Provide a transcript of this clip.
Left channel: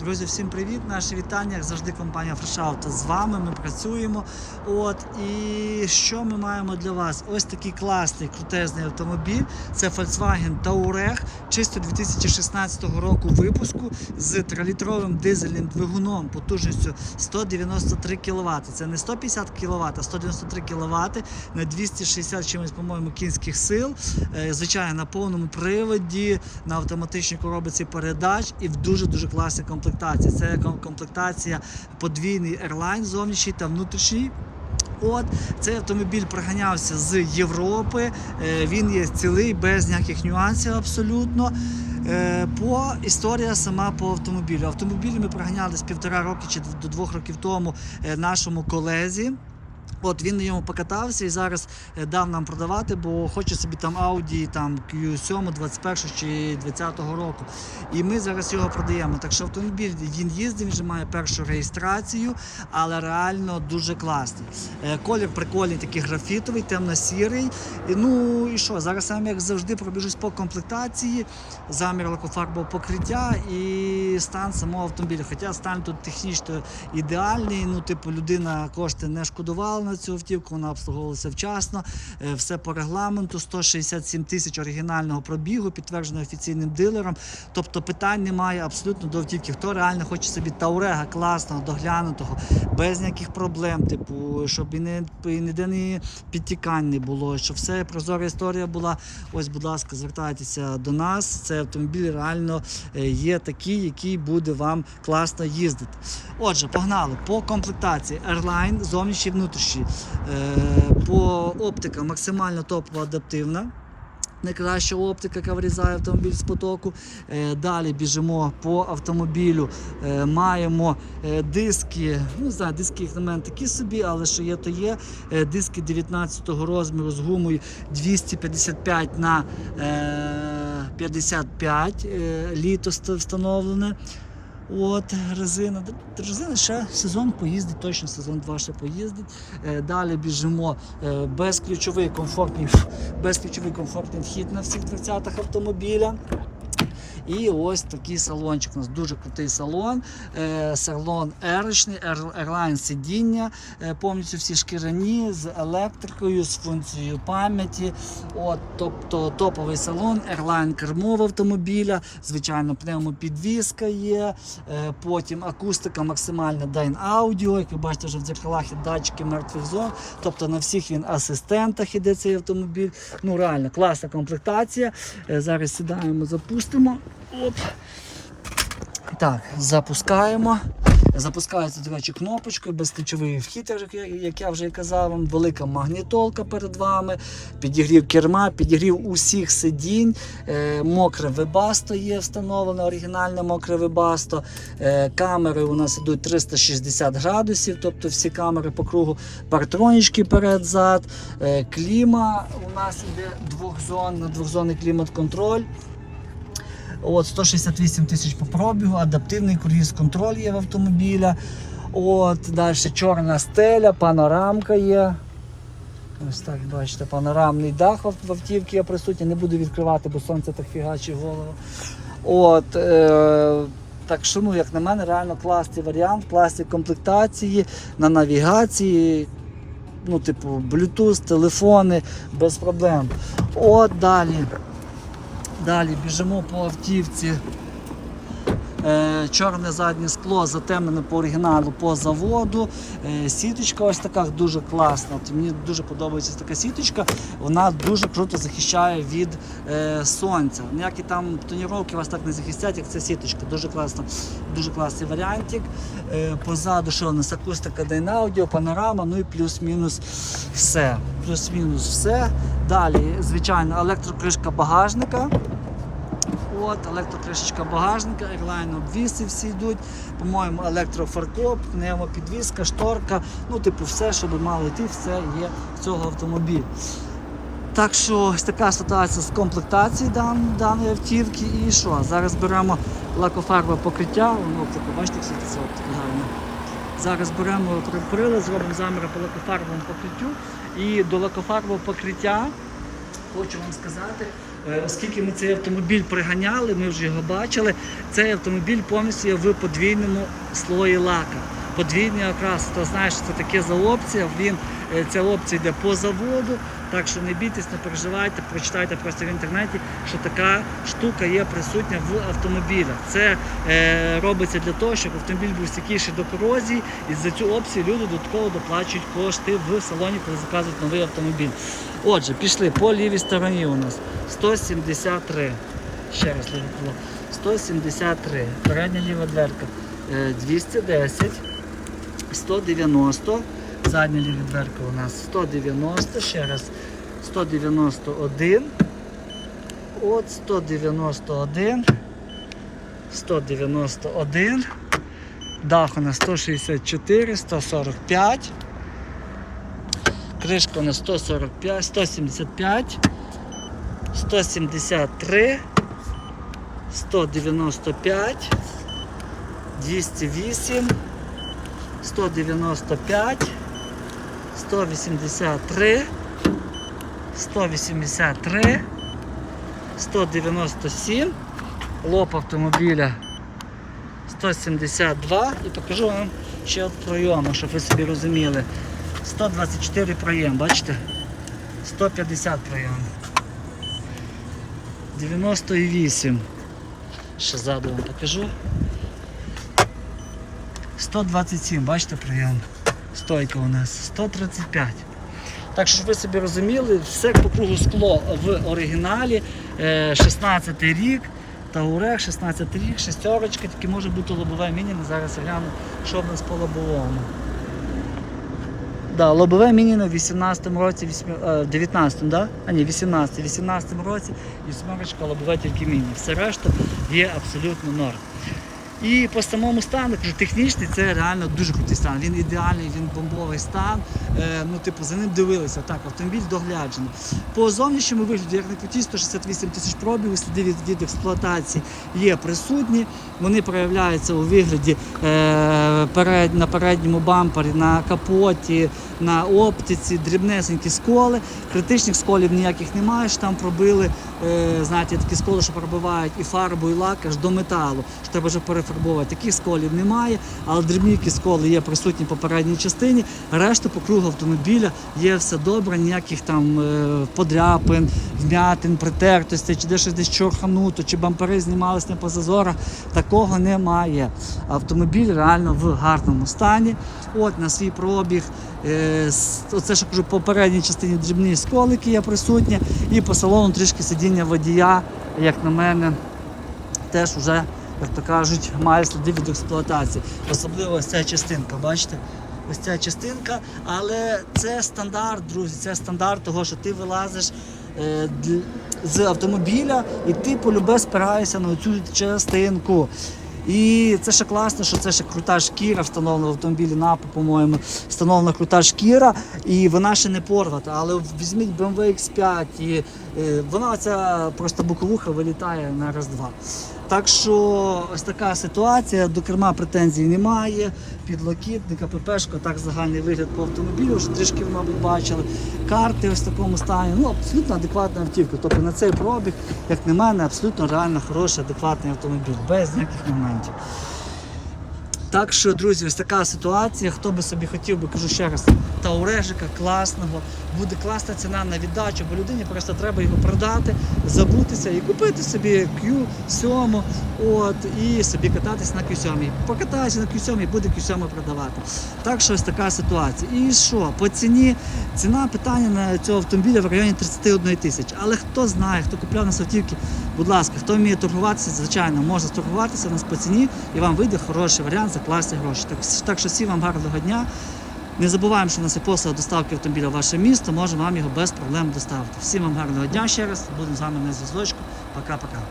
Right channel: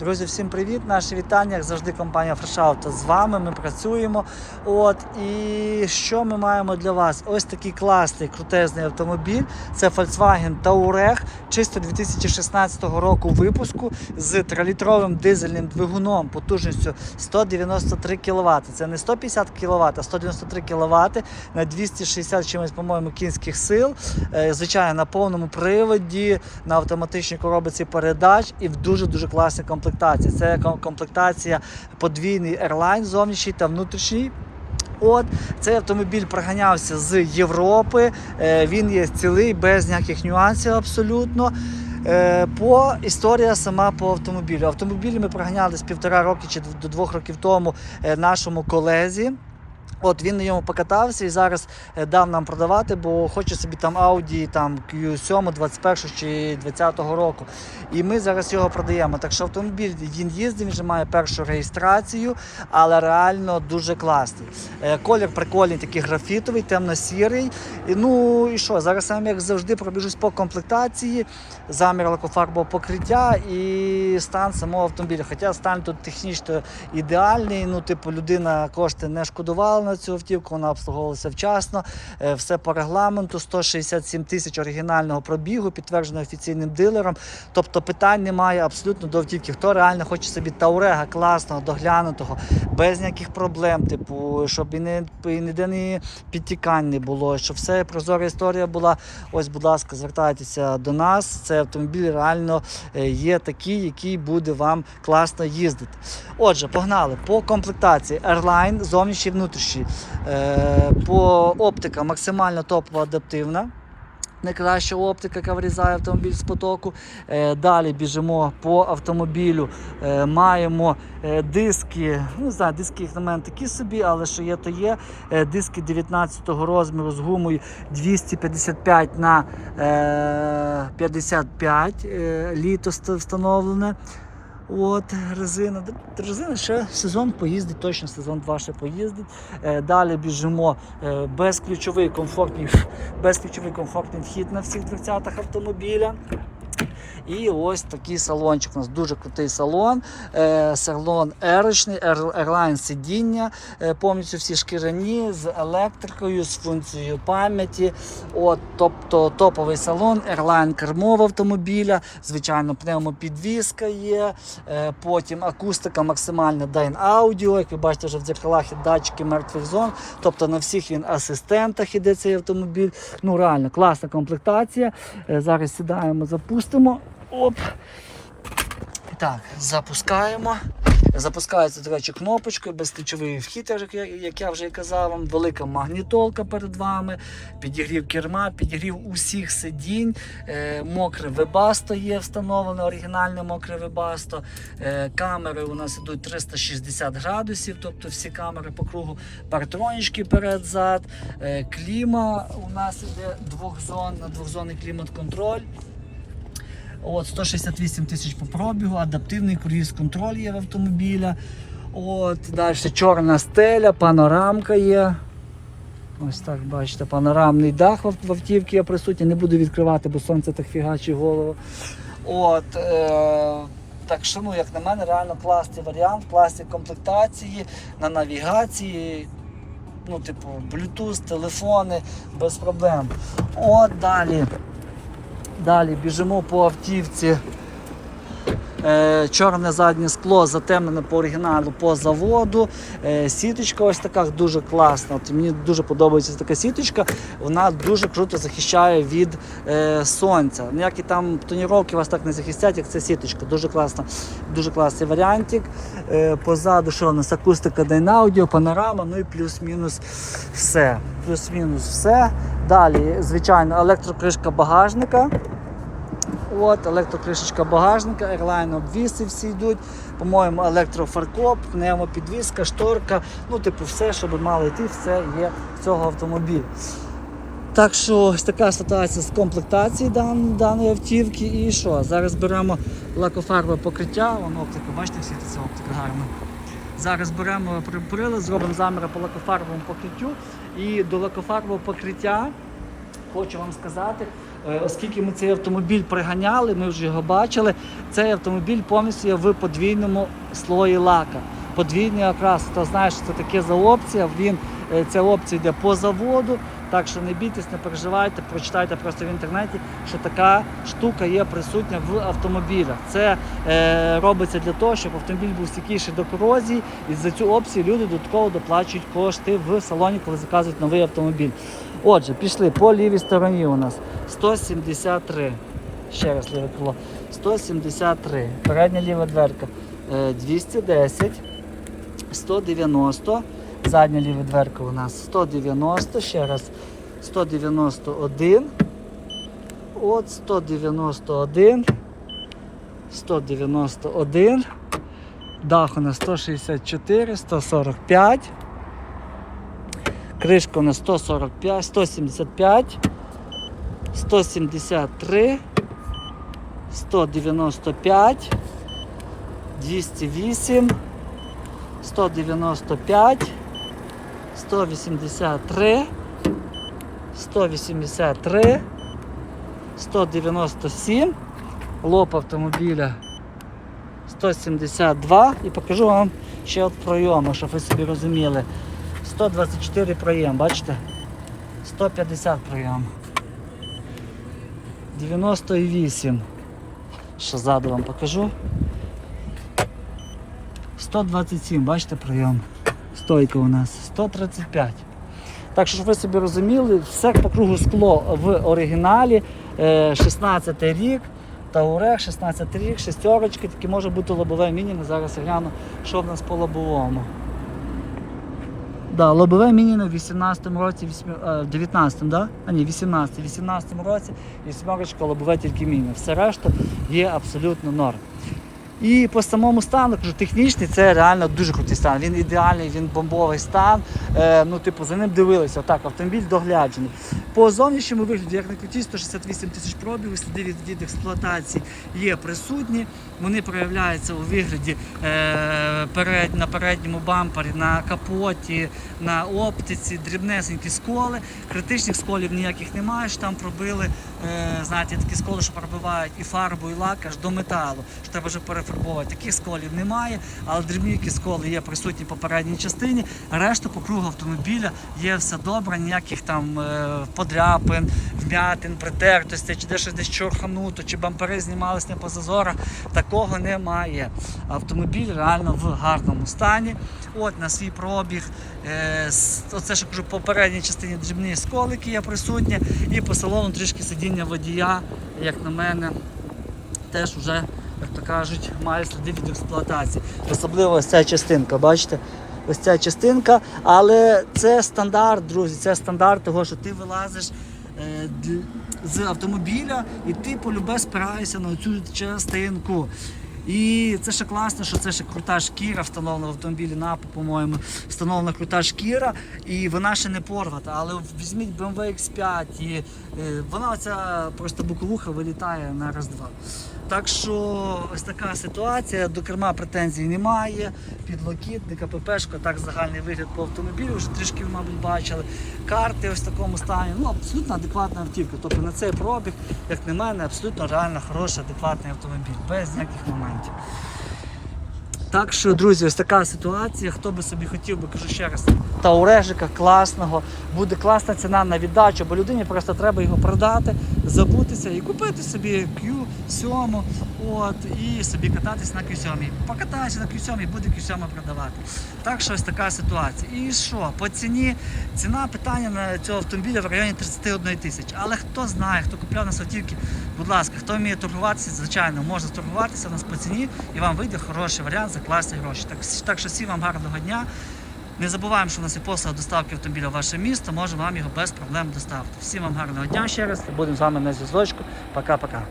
Друзі, всім привіт! Наші вітання. Як завжди, компанія Фрешаута з вами. Ми працюємо. От і що ми маємо для вас? Ось такий класний крутезний автомобіль. Це Volkswagen Touareg, чисто 2016 року випуску з 3-літровим дизельним двигуном потужністю 193 кВт. Це не 150 кВт, а 193 кВт на 260 чимось, по-моєму, кінських сил. Е, Звичайно, на повному приводі, на автоматичній коробці передач і в дуже дуже класній комплектації. Це комплектація подвійний Airline зовнішній та внутрішній. От цей автомобіль проганявся з Європи. Е, Він є цілий, без ніяких нюансів абсолютно. Е, По історія сама по автомобілю. Автомобіль ми проганяли з півтора роки чи до двох років тому е, нашому колезі. От він на ньому покатався і зараз е, дав нам продавати, бо хоче собі там Audi там Q7 21 чи 20 року. І ми зараз його продаємо. Так що автомобіль він їздив, він вже має першу реєстрацію, але реально дуже класний. Е, Колір прикольний, такий графітовий, темно-сірий. Ну і що, зараз сам як завжди пробіжусь по комплектації, замір лакофарбового покриття і стан самого автомобіля. Хоча стан тут технічно ідеальний. Ну, типу, людина кошти не шкодувала на цю автівку, вона обслуговувалася вчасно. Е, Все по регламенту, 167 тисяч оригінального пробігу, підтверджено офіційним дилером. Тобто питань немає абсолютно до автівки. Хто реально хоче собі Таурега класного, доглянутого, без ніяких проблем, типу, щоб і не і ніде не підтікань не було, щоб все прозора історія була. Ось, будь ласка, звертайтеся до нас. Цей автомобіль реально е, є такий, який буде вам класно їздити. Отже, погнали по комплектації Airline, зовнішній і внутрішній. Е, По оптика максимально топова адаптивна. Найкраща оптика, яка вирізає автомобіль з потоку. Е, Далі біжимо по автомобілю. Е, Маємо е, диски. Ну, не знаю, диски їх на мене такі собі, але що є, то є. Диски 19-го розміру з гумою 255 на е, 55 е, літо встановлене. От резина. Резина ще сезон поїздить, точно сезон 2 ще поїздить. Е, Далі біжимо е, безключовий комфортний, безключовий комфортний вхід на всіх дверцятах автомобіля. І ось такий салончик. У нас дуже крутий салон. Е, салон ерочний, Airline сидіння, е, повністю всі шкіряні з електрикою, з функцією пам'яті. От, тобто топовий салон, Airline кермов автомобіля, звичайно, пневмопідвізка є. Е, потім акустика максимальна Dyn Audio, як ви бачите, вже в дзеркалах є датчики мертвих зон. Тобто на всіх він асистентах іде цей автомобіль. Ну реально класна комплектація. Зараз сідаємо, запустимо. Оп. Так, запускаємо. Запускається, до речі, кнопочкою, безключовий вхід, як я, вже казав вам, велика магнітолка перед вами, підігрів керма, підігрів усіх сидінь, е, мокре вебасто є встановлене, оригінальне мокре вебасто. Е, камери у нас йдуть 360 градусів, тобто всі камери по кругу, партронічки перед-зад. Е, кліма у нас йде двохзонна, двохзонний клімат-контроль. От 168 тисяч по пробігу, адаптивний круїз контроль є в автомобіля. От, далі чорна стеля, панорамка є. Ось так, бачите, панорамний дах в автівці є присутній. Не буду відкривати, бо сонце так фігачить голову. От, е, так що, ну, як на мене, реально класний варіант, класні комплектації на навігації. Ну, типу, Bluetooth, телефони без проблем. От далі. Далі біжимо по автівці. Е, чорне заднє скло затемнене по оригіналу по заводу. Е, сіточка ось така дуже класна. От мені дуже подобається така сіточка. Вона дуже круто захищає від е, сонця. Ніякі там тоніровки вас так не захистять, як ця сіточка. Дуже класна, дуже класний варіантик. Е, позаду що у нас акустика Dynaaudio, панорама, ну і плюс-мінус все. Плюс-мінус все. Далі, звичайно, електрокришка багажника. От, електрокришечка багажника, Airline обвіси всі йдуть. По-моєму, електрофаркоп, пневмопідвізка, шторка. Ну, типу, все, що би мало йти, все є в цього автомобіля. Так що ось така ситуація з комплектації дан, даної автівки. І що? Зараз беремо лакофарбове покриття, воно оптика, бачите, всі це гарно. Зараз беремо прилад, зробимо заміри по лакофарбовому покриттю. І до лакофарбового покриття хочу вам сказати, Оскільки ми цей автомобіль приганяли, ми вже його бачили. Цей автомобіль повністю є в подвійному слої лака. Подвійний окрас, хто знає, що це таке за опція, він, е, ця опція йде по заводу. Так що не бійтесь, не переживайте, прочитайте просто в інтернеті, що така штука є присутня в автомобілях. Це е, робиться для того, щоб автомобіль був стійкіший до корозії, і за цю опцію люди додатково доплачують кошти в салоні, коли заказують новий автомобіль. Отже, пішли по лівій стороні у нас 173. Ще раз ліве крило. 173. Передня ліва дверка е, 210. 190. Задня ліва дверка у нас 190. Ще раз 191. От 191. 191. Дах у нас 164, 145. Кришка у нас 145, 175, 173, 195, 208, 195, 183, 183, 197, лоб автомобіля 172 і покажу вам ще от пройому, щоб ви собі розуміли. 124 проєм, бачите? 150 проєм. 98. Ще ззаду вам покажу. 127, бачите прийом. Стойка у нас 135. Так що, щоб ви собі розуміли, все по кругу скло в оригіналі. Е, 16 рік. Таурех, 16 рік, шестерочки, таке може бути лобове мінімум. Зараз гляну, що в нас по лобовому. Да, лобове міні в 18-му році, вісьмі- е, в 19-му, да? А ні, 18 18-му році вісьмерочка лобове тільки міні. Все решта є абсолютно норм. І по самому стану, технічний це реально дуже крутий стан. Він ідеальний, він бомбовий стан. Е, ну, типу, за ним дивилися. Так, автомобіль догляджений. По зовнішньому вигляді, як на круті, 168 тисяч пробігів, сліди від, від експлуатації є присутні. Вони проявляються у вигляді е, перед, на передньому бампері, на капоті, на оптиці, дрібнесенькі сколи. Критичних сколів ніяких немає, що там пробили. Е, знаєте, такі сколи, що пробивають і фарбу, і лак аж до металу, що треба вже перефарбовувати. Таких сколів немає, але дрібні сколи є присутні по передній частині. Решта по кругу автомобіля є все добре, ніяких там е, подряпин, вмятин, притертостей, чи де щось десь чорхануто, чи бампери знімались не по зазорах. Такого немає. Автомобіль реально в гарному стані. От на свій пробіг. Е, оце що кажу, по передній частині дрібні сколики є присутні, і по салону трішки сидіння водія, як на мене, теж вже, як то кажуть, має сліди від експлуатації. Особливо ось ця частинка, бачите? Ось ця частинка, але це стандарт, друзі, це стандарт того, що ти вилазиш е, з автомобіля і ти полюбе спираєшся на цю частинку. І це ще класно, що це ще крута шкіра встановлена в автомобілі НАПа, по-моєму, встановлена крута шкіра, і вона ще не порвата. Але візьміть BMW X5, і е, вона оця просто боковуха вилітає на раз-два. Так що ось така ситуація, до керма претензій немає, підлокітника, ППшку, так загальний вигляд по автомобілю, вже трішки, ви, мабуть, бачили. Карти ось в такому стані. Ну, абсолютно адекватна автівка. Тобто на цей пробіг, як на мене, абсолютно реально хороший, адекватний автомобіль, без ніяких моментів. Так що, друзі, ось така ситуація. Хто би собі хотів би, кажу ще раз, таурежика класного, буде класна ціна на віддачу, бо людині просто треба його продати, забутися і купити собі Q7 от, і собі кататись на Q7. Покатайся на Q7 буде Q7 продавати. Так що ось така ситуація. І що? По ціні ціна питання на цього автомобіля в районі 31 тисячі. Але хто знає, хто купляв на автівки, будь ласка, хто вміє торгуватися, звичайно, може торгуватися у нас по ціні і вам вийде хороший варіант за класні гроші. Так, так що всім вам гарного дня. Не забуваємо, що у нас є послуга доставки автомобіля в ваше місто, можемо вам його без проблем доставити. Всім вам гарного дня ще раз. Будемо з вами на зв'язочку. Пока-пока.